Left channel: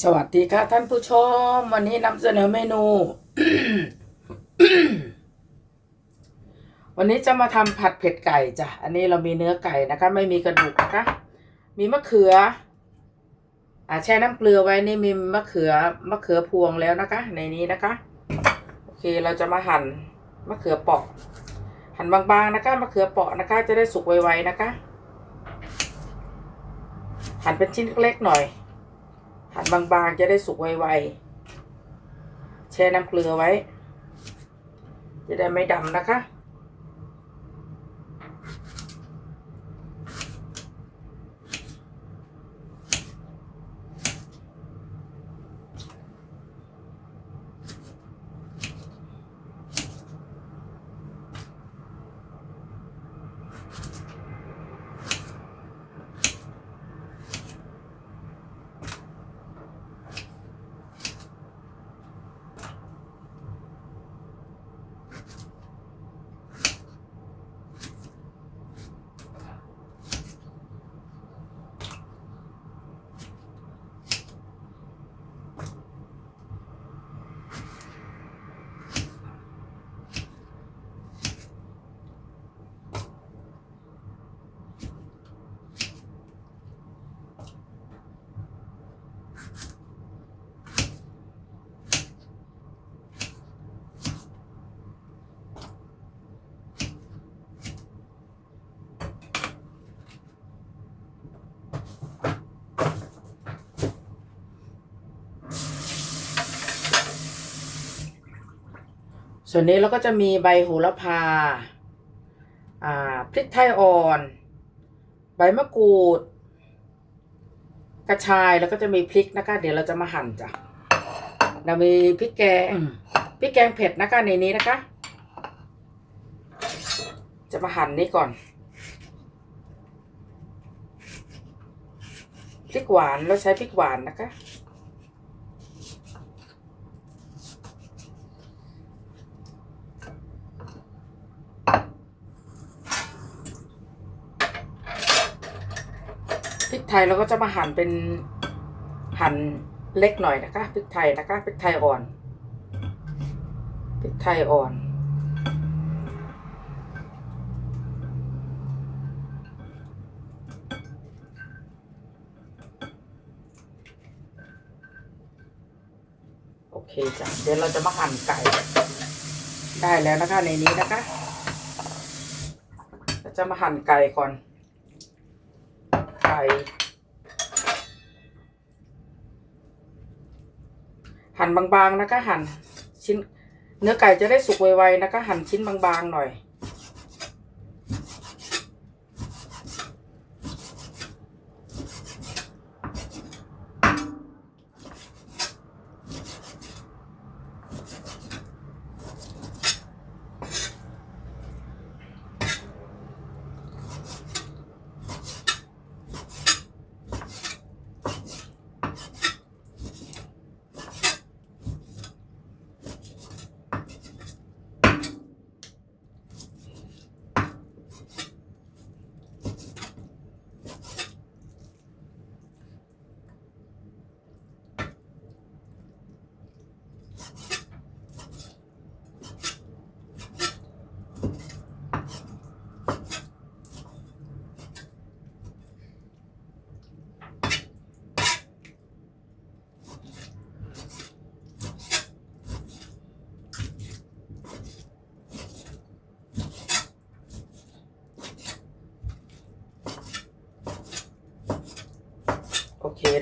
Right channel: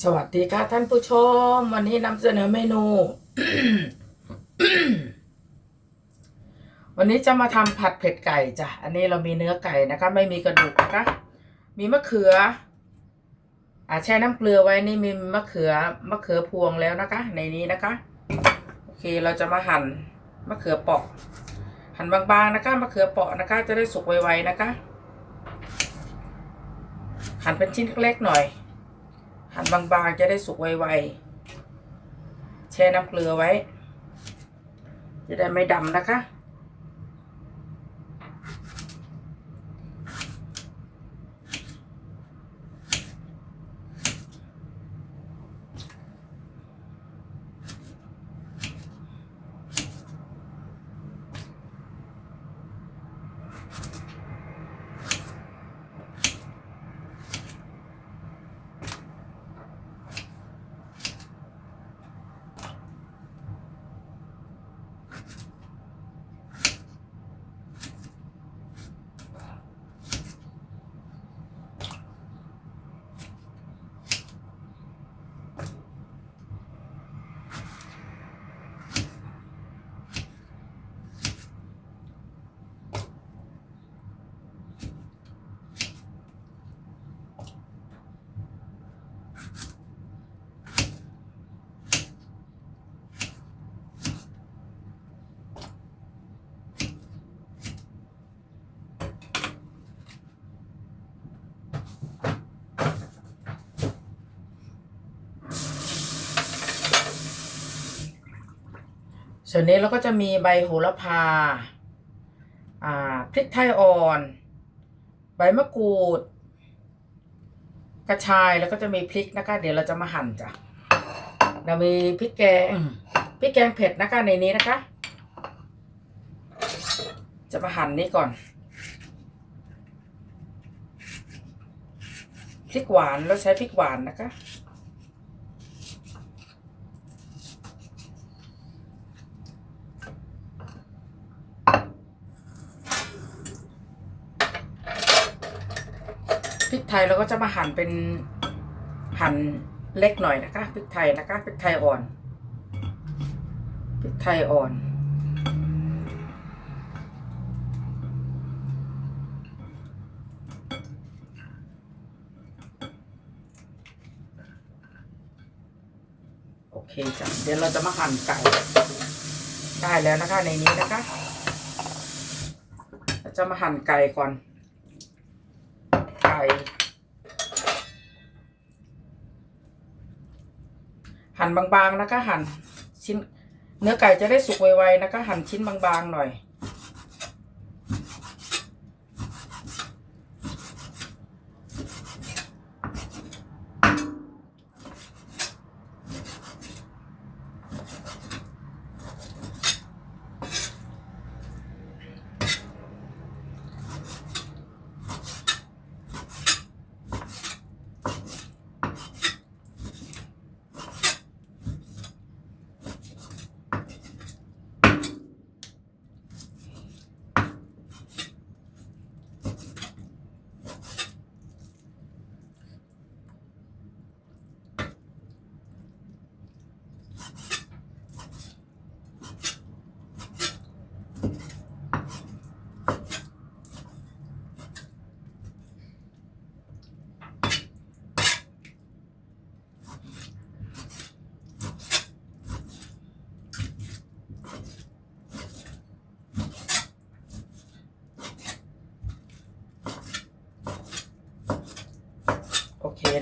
สวัสดีค่ะท่านผู้ชม วันนี้นำเสนอเมนู วันนี้จะมาทำผัดเผ็ดไก่จ้ะ อันนี้เรามีเนื้อไก่นะคะ ไม่มีกระดูกนะคะ มีมะเขืออ่าแช่น้ำเกลือไว้นี่มีมะเขือมะเขือพวงแล้วนะคะ ในนี้นะคะ โอเคเราจะมาหั่นมะเขือเปาะ หั่นบางๆนะคะมะเขือเปาะนะคะ จะได้สุกไวๆนะคะ หั่นเป็นชิ้นเล็กๆหน่อย หั่นบางๆจะได้สุกไวๆแช่น้ำเกลือไว้ จะได้ไม่ดำนะคะ ส่วนนี้เราก็จะมีใบโหระพา อ่า พริกไทยอ่อน ใบมะกรูด กระชายแล้วก็จะมีพริกนะคะ เดี๋ยวเราจะมาหั่นจ้ะ เรามีพริกแกง พริกแกงเผ็ดนะคะในนี้นะคะ จะมาหั่นนี้ก่อน พริกหวานเราใช้พริกหวานนะคะ ไทยเราก็จะมาหั่นเป็นหั่นเล็กหน่อยนะคะพริกไทยนะคะพริกไทยอ่อนพริกไทยอ่อน โอเคจ้ะเดี๋ยวเราจะมาหั่นไก่ได้แล้วนะคะในนี้นะคะ เราจะมาหั่นไก่ก่อน หั่นบางๆนะคะ หั่นชิ้น เนื้อไก่จะได้สุกไวๆนะคะ หั่นชิ้นบางๆหน่อย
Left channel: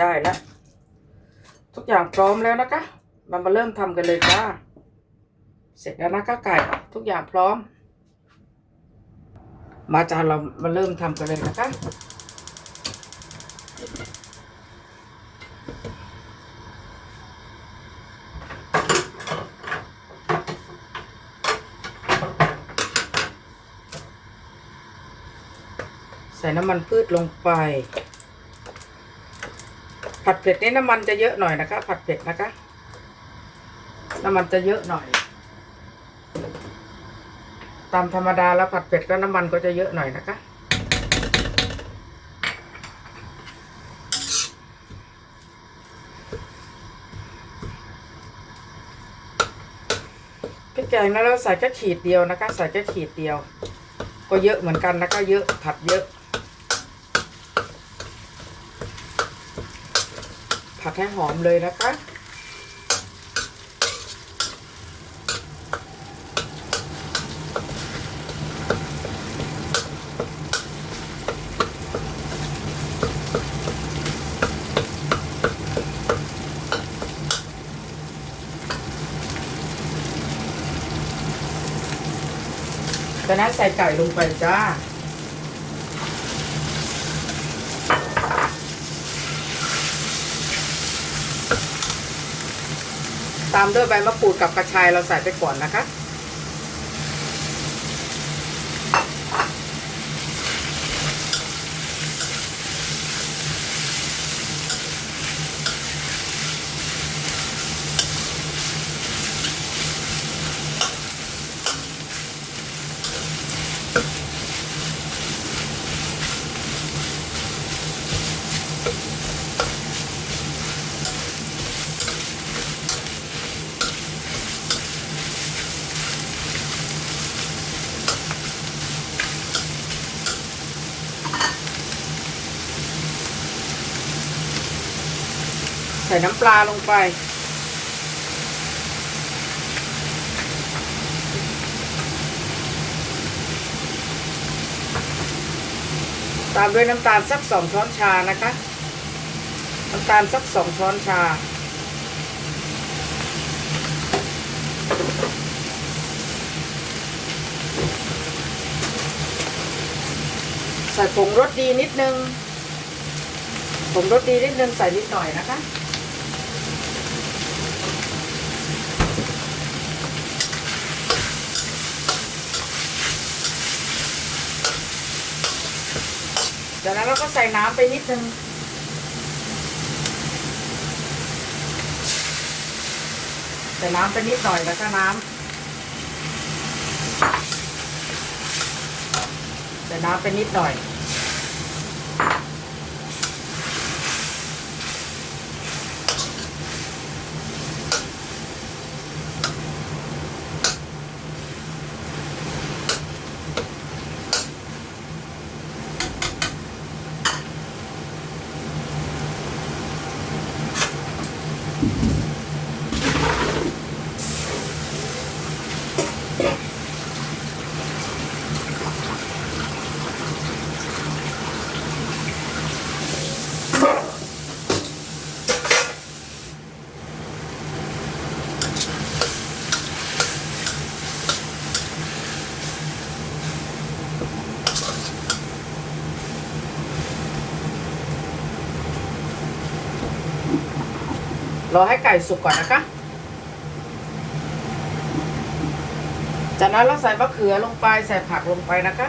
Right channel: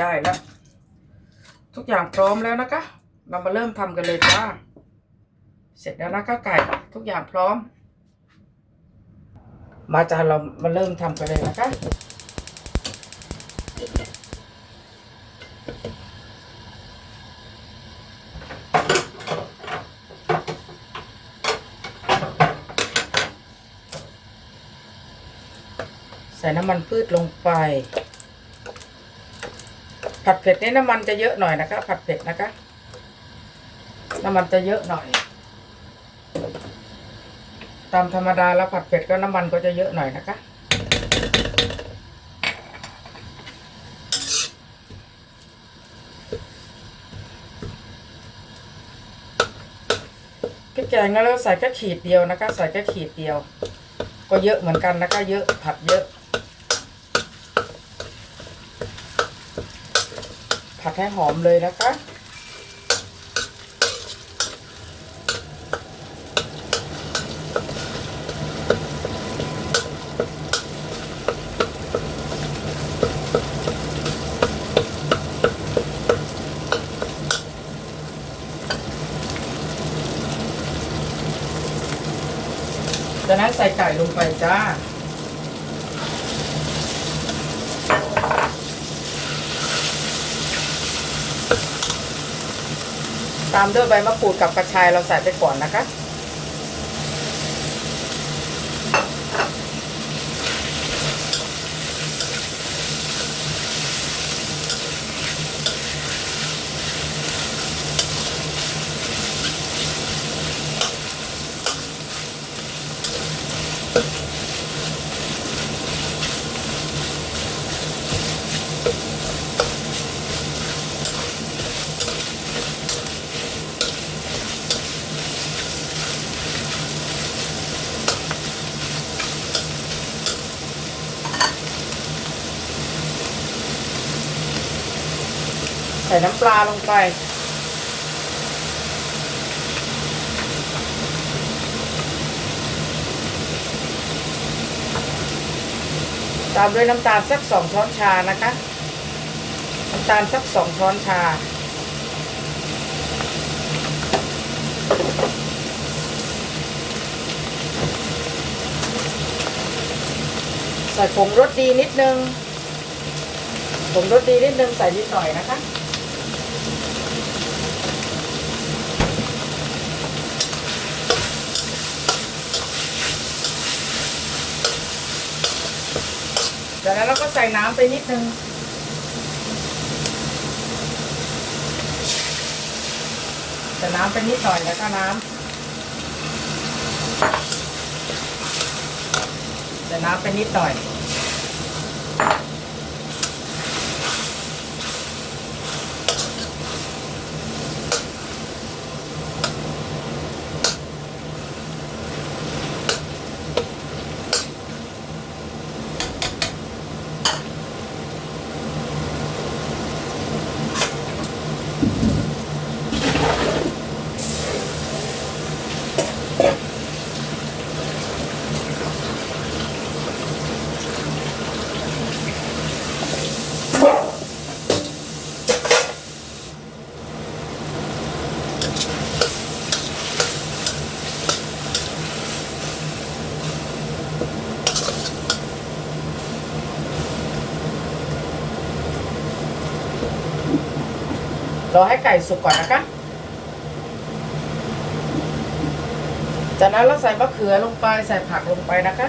ได้แล้ว ทุกอย่างพร้อมแล้วนะคะเรามาเริ่มทำกันเลยจ้าเสร็จแล้วนะคะไก่ทุกอย่างพร้อม มาจ้าเรามาเริ่มทำกันเลยนะคะใส่น้ำมันพืชลงไป ผัดเผ็ดนี่น้ำมันจะเยอะหน่อยนะคะ ผัดเผ็ดนะคะ น้ำมันจะเยอะหน่อย ตามธรรมดาแล้วผัดเผ็ดก็น้ำมันก็จะเยอะหน่อยนะคะพริแกงแล้วใส่แค่ขีดเดียวนะคะ ใส่แค่ขีดเดียว ก็เยอะเหมือนกันนะคะ เยอะผัดเยอะ ให้หอมเลยนะคะ จากนั้นใส่ไก่ลงไปจ้า ตามด้วยใบมะกรูดกับกระชายเราใส่ไปก่อนนะคะ ใส่น้ำปลาลงไป ตามด้วยน้ำตาลสักสองช้อนชานะคะ น้ำตาลสักสองช้อนชา ใส่ผงรสดีนิดนึงผงรสดีนิดนึงใส่นิดหน่อยนะคะ จากนั้นเราก็ใส่น้ำไปนิดนึงใส่น้ำไปนิดหน่อยแล้วก็น้ำใส่น้ำไปนิดหน่อย รอให้ไก่สุกก่อนนะคะ จากนั้นเราใส่มะเขือลงไปใส่ผักลงไปนะคะ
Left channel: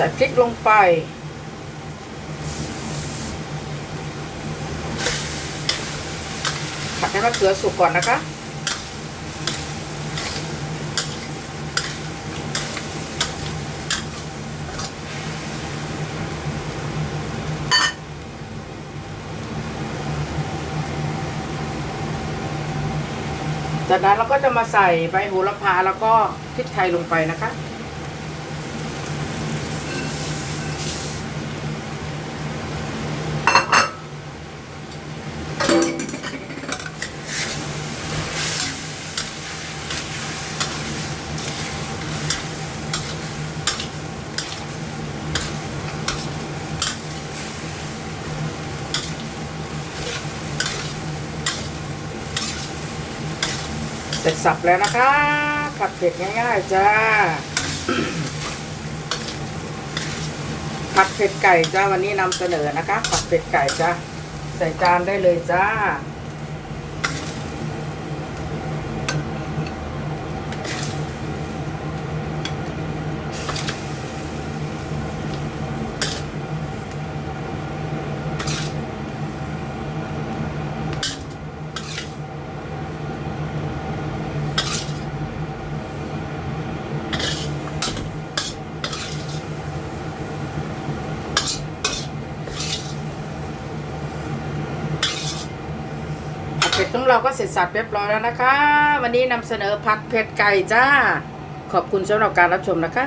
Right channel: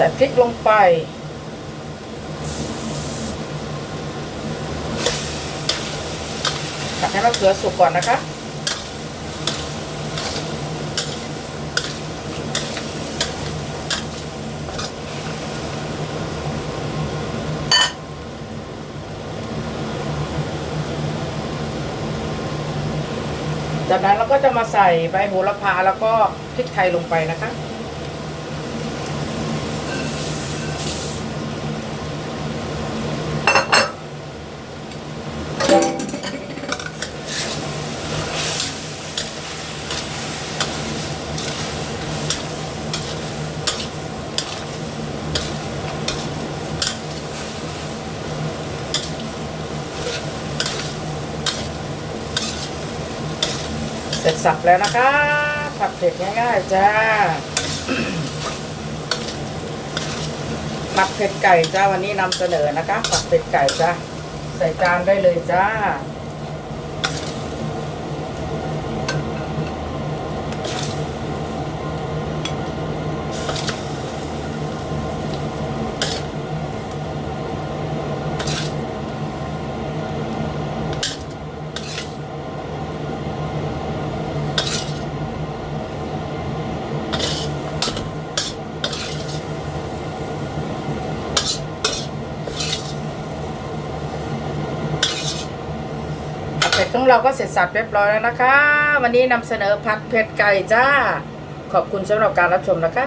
ส่พริกลงไปผัดให้มะเขือสุกก่อนนะคะจากนั้นเราก็จะมาใส่ใบโหระพาแล้วก็พริกไทยลงไปนะคะ ร็จสับแล้วนะคะผัดเผ็ดง่ายๆจ้า ผัดเผ็ดไก่จ้าวันนี้นำเสนอนะคะ ผัดเผ็ดไก่จ้าใส่จานได้เลยจ้า เราก็เสร็จสับเรียบร้อยแล้วนะคะ วันนี้นำเสนอผัดเผ็ดไก่จ้า ขอบคุณสำหรับการรับชมนะคะ